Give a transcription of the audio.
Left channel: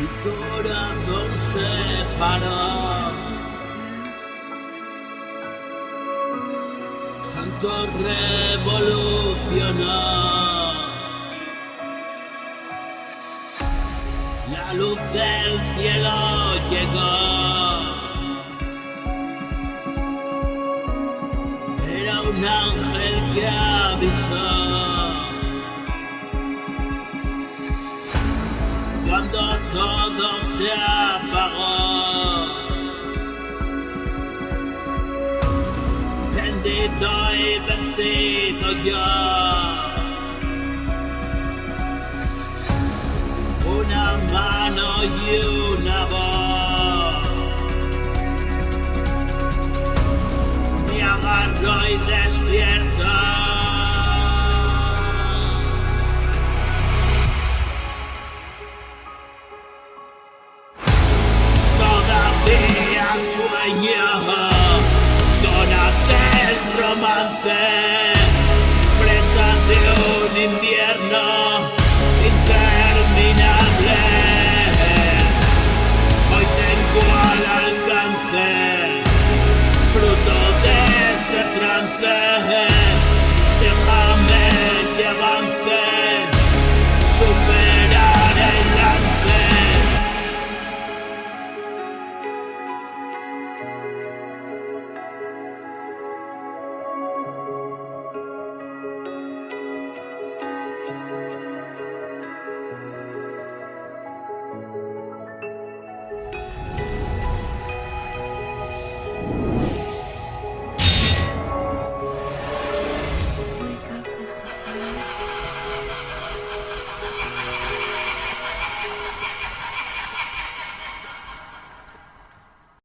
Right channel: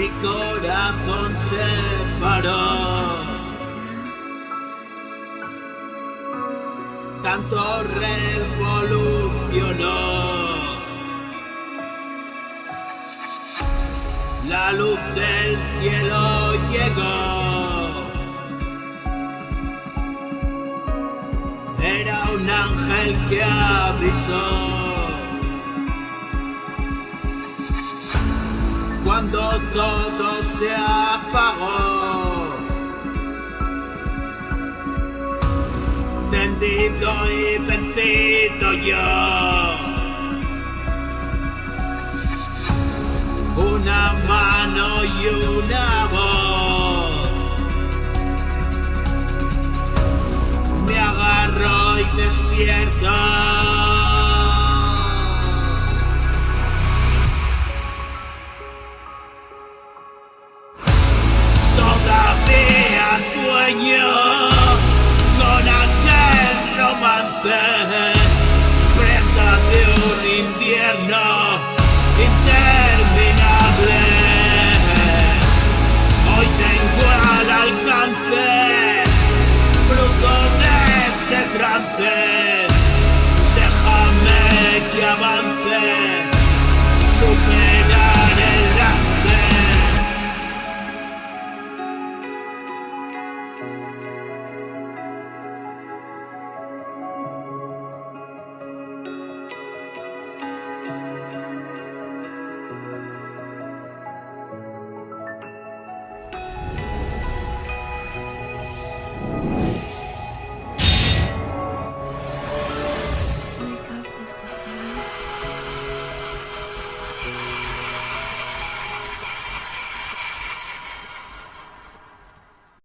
Mi corazón se paró. Tanto revolucionó. La luz del cielo llegó. Era un ángel que avisó. Cuando todo se apagó, tendido y vencido yo,